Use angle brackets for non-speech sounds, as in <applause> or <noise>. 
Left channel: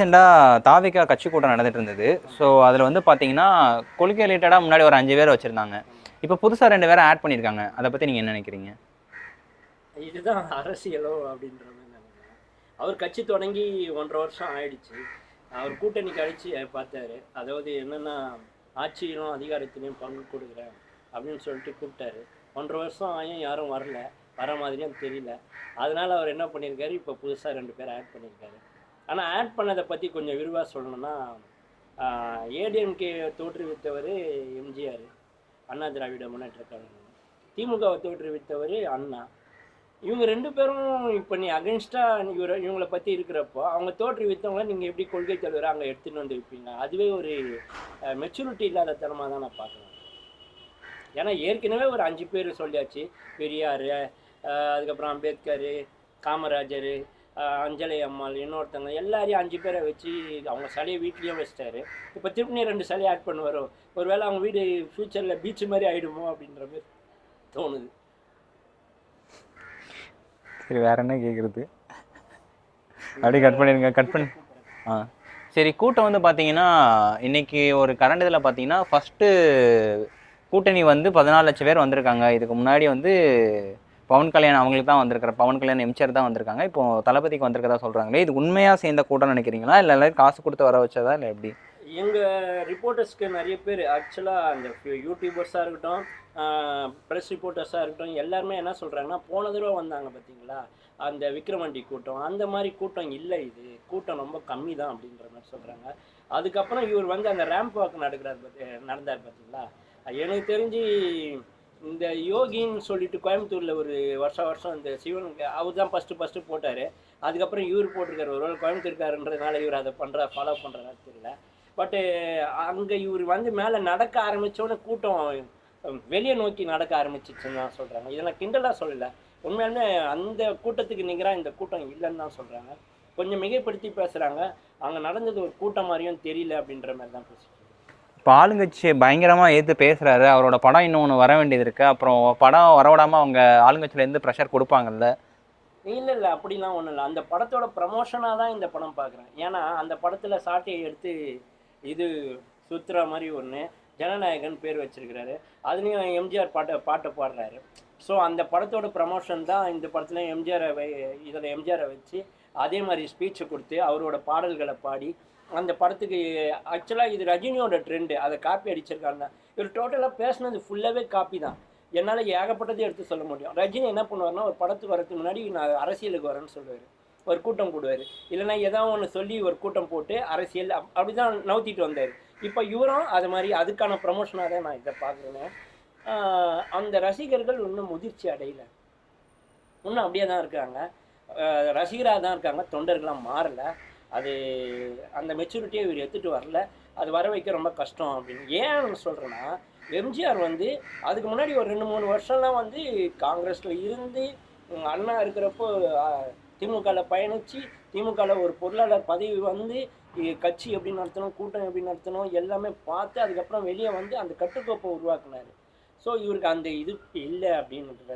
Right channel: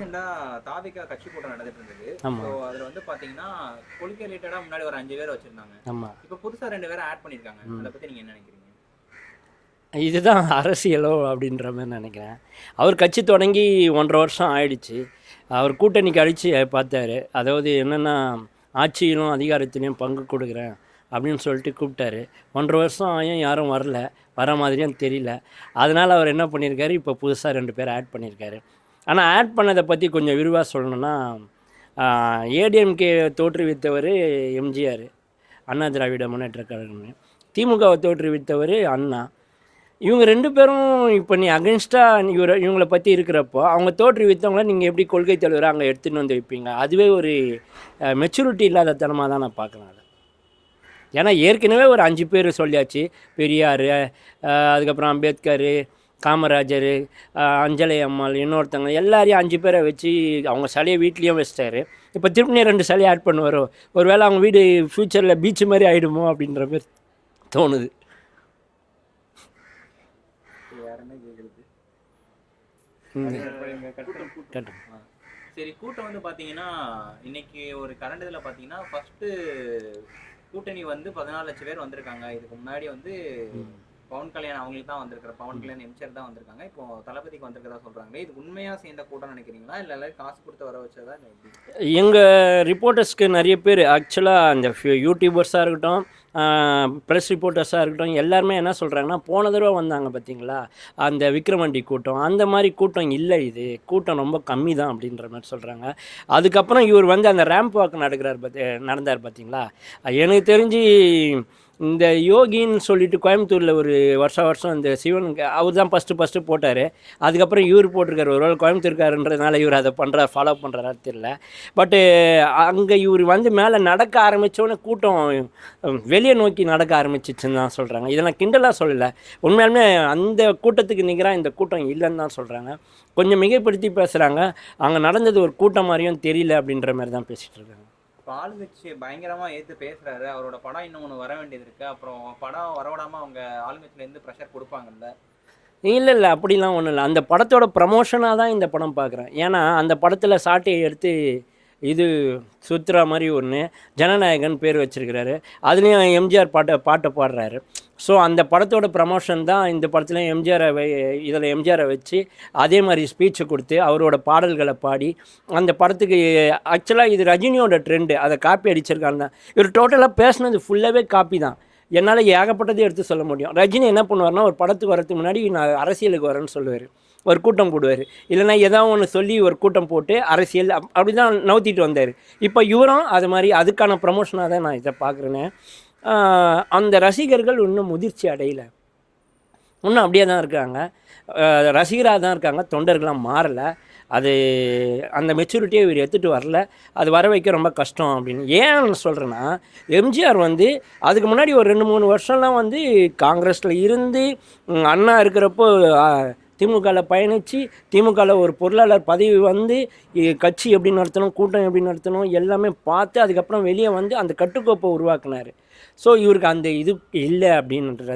ரீசெண்டாக தாவிகா கட்சி கூட்டம் நடந்துட்டு இருந்தது. ஸோ அதில் வந்து பார்த்தீங்கன்னா கொள்கை ரிலேட்டடாக முன்னாடி ஒரு அஞ்சு பேர் வச்சுருந்தாங்க. இப்போ புதுசாக ரெண்டு பேரை ஆட் பண்ணியிருக்காங்க அதை பற்றி நீங்கள் என்ன நினைக்கிறீங்க? இதுதான் <laughs> அரசியலோ அப்படின்ற மாதிரி நினைக்கிறேன். அவர் கட்சி தொடங்கி ஒன்றரை வருஷம் ஆயிடுச்சு. அவர் கூட்டணிக்கு அடித்து பார்த்தாரு. அதாவது என்னென்னா ஆட்சியிலும் அதிகாரத்திலையும் பங்கு கொடுக்குறேன் அப்படின்னு சொல்லிட்டு கூப்பிட்டாரு. ஒன்றரை வருஷம் ஆயும் யாரும் வரல. வர மாதிரியும் தெரியல. அதனால் அவர் என்ன பண்ணியிருக்காரு இப்போ புதுசாக ரெண்டு பேர் ஆட் பண்ணியிருக்காரு ஆனால் ஆட் பண்ணதை பற்றி கொஞ்சம் விரிவாக சொல்லணும்னா ஏடிஎம்கே தோற்றுவித்தவர் எம்ஜிஆர் அண்ணா திராவிட முன்னேற்ற கழகம்னு. திமுகவை தோற்றுவித்தவர் அண்ணா. இவங்க ரெண்டு பேரும் இப்போ நீ அகென்ஸ்டாக இவரை இவங்கள பற்றி இருக்கிறப்போ அவங்க தோற்றுவித்தவங்கள நீங்கள் எப்படி கொள்கை தலைவராக அங்கே எடுத்துன்னு வந்து வைப்பீங்க? அதுவே ஒரு மெச்சூரிட்டி இல்லாத தனமாக தான் நான் பார்க்குறேன் ஏன்னா ஏற்கனவே ஒரு அஞ்சு பேர் சொல்லியாச்சு. பெரியார் அதுக்கப்புறம் அம்பேத்கர் காமராஜர் அஞ்சலை அம்மாள் இன்னொருத்தவங்க எல்லாரையும் அஞ்சு பேரை வச்சு அவங்க சிலையை வீட்லேயும் வச்சிட்டாரு. இப்போ திருப்பி ரெண்டு சிலையை ஆட் பண்ணுவாரோ? ஒருவேளை அவங்க வீடு ஃப்யூச்சரில் பீச் மாதிரி ஆகிடுமோ அப்படின்ற மாதிரி தோணுது. சரி வேற என்ன கேட்குறது அப்படியே கட் பண்ணிடுங்க கட் பண்ணி கட்டு. ஆ. சரி கூட்டம் வந்து பார்த்தீங்கன்னா இன்னைக்கு ஒரு கரண்ட் இதில் பார்த்தீங்கன்னா ஃபஸ்ட்டு கூட்டணி வந்து பதினாலு லட்சம் பேர் வந்திருக்காங்க. இதுக்கு முன்னாடி வந்து பவன் கல்யாண் அவங்களுக்கு தான் வந்திருக்கிற பவன் கல்யாண் எம்ஜிஆர் தான் வந்திருக்காங்க. இப்போ தளபதிக்கு வந்திருக்கதா சொல்கிறாங்களே இது உண்மையாக சேர்ந்த கூட்டம் நினைக்கிறீங்களா? இல்லை எல்லாரும் காசு கொடுத்து வர வச்சதா? இல்லை எப்படி? எங்கள் ரிப்போர்ட்டர்ஸ்க்கு நிறைய பேர் ஆக்சுவலாக அந்த யூடியூபர்ஸாக இருக்கட்டும் ப்ரெஸ் ரிப்போர்ட்டர்ஸாக இருக்கட்டும் எல்லாருமே என்ன சொல்கிறாங்கன்னா போன தடவை வந்தாங்க பார்த்தீங்களா அந்த விக்ரமண்டி கூட்டம். அந்த மாதிரி கூட்டம் இல்லை இது. கூட்டம் ரொம்ப கம்மி தான் அப்படின்ற மாதிரி சொல்கிறாங்க அதுக்கப்புறம் இவர் வந்து அந்த ரேம்ப் வாக் நடக்கிறார் பார்த்தி நடந்தார் பார்த்தீங்களா எனக்கு தெரிஞ்சு இந்த யோகின்னு சொல்லிட்டு கோயம்புத்தூரில் ஒரு வருஷம் வருஷம் அந்த சிவனுக்கு அவர் தான் ஃபஸ்ட்டு ஃபஸ்ட்டு போட்டார். அதுக்கப்புறம் இவர் போட்டிருக்காரு. ஒரு வேளை கோயம்புத்தூர்காரன்றதுனால இவர் அதை பண்ணுற ஃபாலோ பண்ணுறாரு தெரியல. பட்டு அங்கே இவர் வந்து மேலே நடக்க ஆரம்பித்தோன்னே கூட்டம் வெளியே நோக்கி நடக்க ஆரம்பிச்சிச்சுன்னு தான் சொல்கிறாங்க இதை நான் கிண்டலாக சொல்லலை. உண்மையாலுமே அந்த கூட்டத்துக்கு நிகராக இந்த கூட்டம் இல்லைன்னு தான் சொல்கிறாங்க கொஞ்சம் மிகைப்படுத்தி பேசுகிறாங்க அங்கே நடந்தது ஒரு கூட்டம் மாதிரியும் தெரியல அப்படின்ற மாதிரி தான் பேசிகிட்டு இருக்காங்க. இப்போ ஆளுங்கட்சியை பயங்கரமாக ஏற்று பேசுகிறாரு அவரோட படம் இன்னொன்று வர வேண்டியது இருக்குது அப்புறம் படம் வரவிடாமல் அவங்க ஆளுங்கட்சியிலேருந்து ப்ரெஷர் கொடுப்பாங்கல்ல? இல்லை இல்லை அப்படிலாம் ஒன்றும் இல்லை. அந்த படத்தோட ப்ரமோஷனாக தான் இந்த படம் பார்க்குறேன் ஏன்னா அந்த படத்தில் சாட்டையை எடுத்து இது சுத்ரா மாதிரி ஒன்று ஜனநாயகன் பேர் வச்சிருக்கிறாரு. அதுலேயும் எம்ஜிஆர் பாட்டை பாட்டை பாடுறாரு. ஸோ அந்த படத்தோட ப்ரமோஷன் தான் இந்த படத்தில் எம்ஜிஆரை இதில் எம்ஜிஆரை வச்சு அதே மாதிரி ஸ்பீச்சை கொடுத்து அவரோட பாடல்களை பாடி அந்த படத்துக்கு ஆக்சுவலாக இது ரஜினியோட ட்ரெண்டு அதை காப்பி அடிச்சிருக்காங்க தான் இவர் டோட்டலாக பேசினது ஃபுல்லாகவே காப்பி தான். என்னால் ஏகப்பட்டதை எடுத்து சொல்ல முடியும். ரஜினி என்ன பண்ணுவார்னா ஒரு படத்துக்கு வரதுக்கு முன்னாடி நான் அரசியலுக்கு வரேன்னு சொல்லுவார். ஒரு கூட்டம் போடுவார். இல்லைன்னா எதாவது ஒன்று சொல்லி ஒரு கூட்டம் போட்டு அரசியல் அப்- அப்படி தான் நவுத்திட்டு வந்தார். இப்போ இவரும் அது மாதிரி அதுக்கான ப்ரமோஷனாக தான் நான் இதை பார்க்குறேன்னு அந்த ரசிகர்கள் இன்னும் முதிர்ச்சி அடையலை. இன்னும் அப்படியே தான் இருக்காங்க. ரசிகராக தான் இருக்காங்க. தொண்டர்களாக மாறலை. அது அந்த மெச்சூரிட்டியை இவர் எடுத்துகிட்டு வரல. அது வர வைக்க ரொம்ப கஷ்டம் அப்படின்னு. ஏன் சொல்கிறேன்னா எம்ஜிஆர் வந்து அதுக்கு முன்னாடி ஒரு ரெண்டு மூணு வருஷம்லாம் வந்து காங்கிரஸில் இருந்து அண்ணா இருக்கிறப்போ திமுகவில் பயணித்து திமுகவில் ஒரு பொருளாளர் பதவி வந்து கட்சி எப்படி நடத்தணும் கூட்டம் எப்படி நடத்தணும் எல்லாமே பார்த்து அதுக்கப்புறம் வெளியே வந்து அந்த கட்டுக்கோப்பை உருவாக்குனார். ஸோ இவருக்கு அந்த இது இல்லை அப்படின்றது.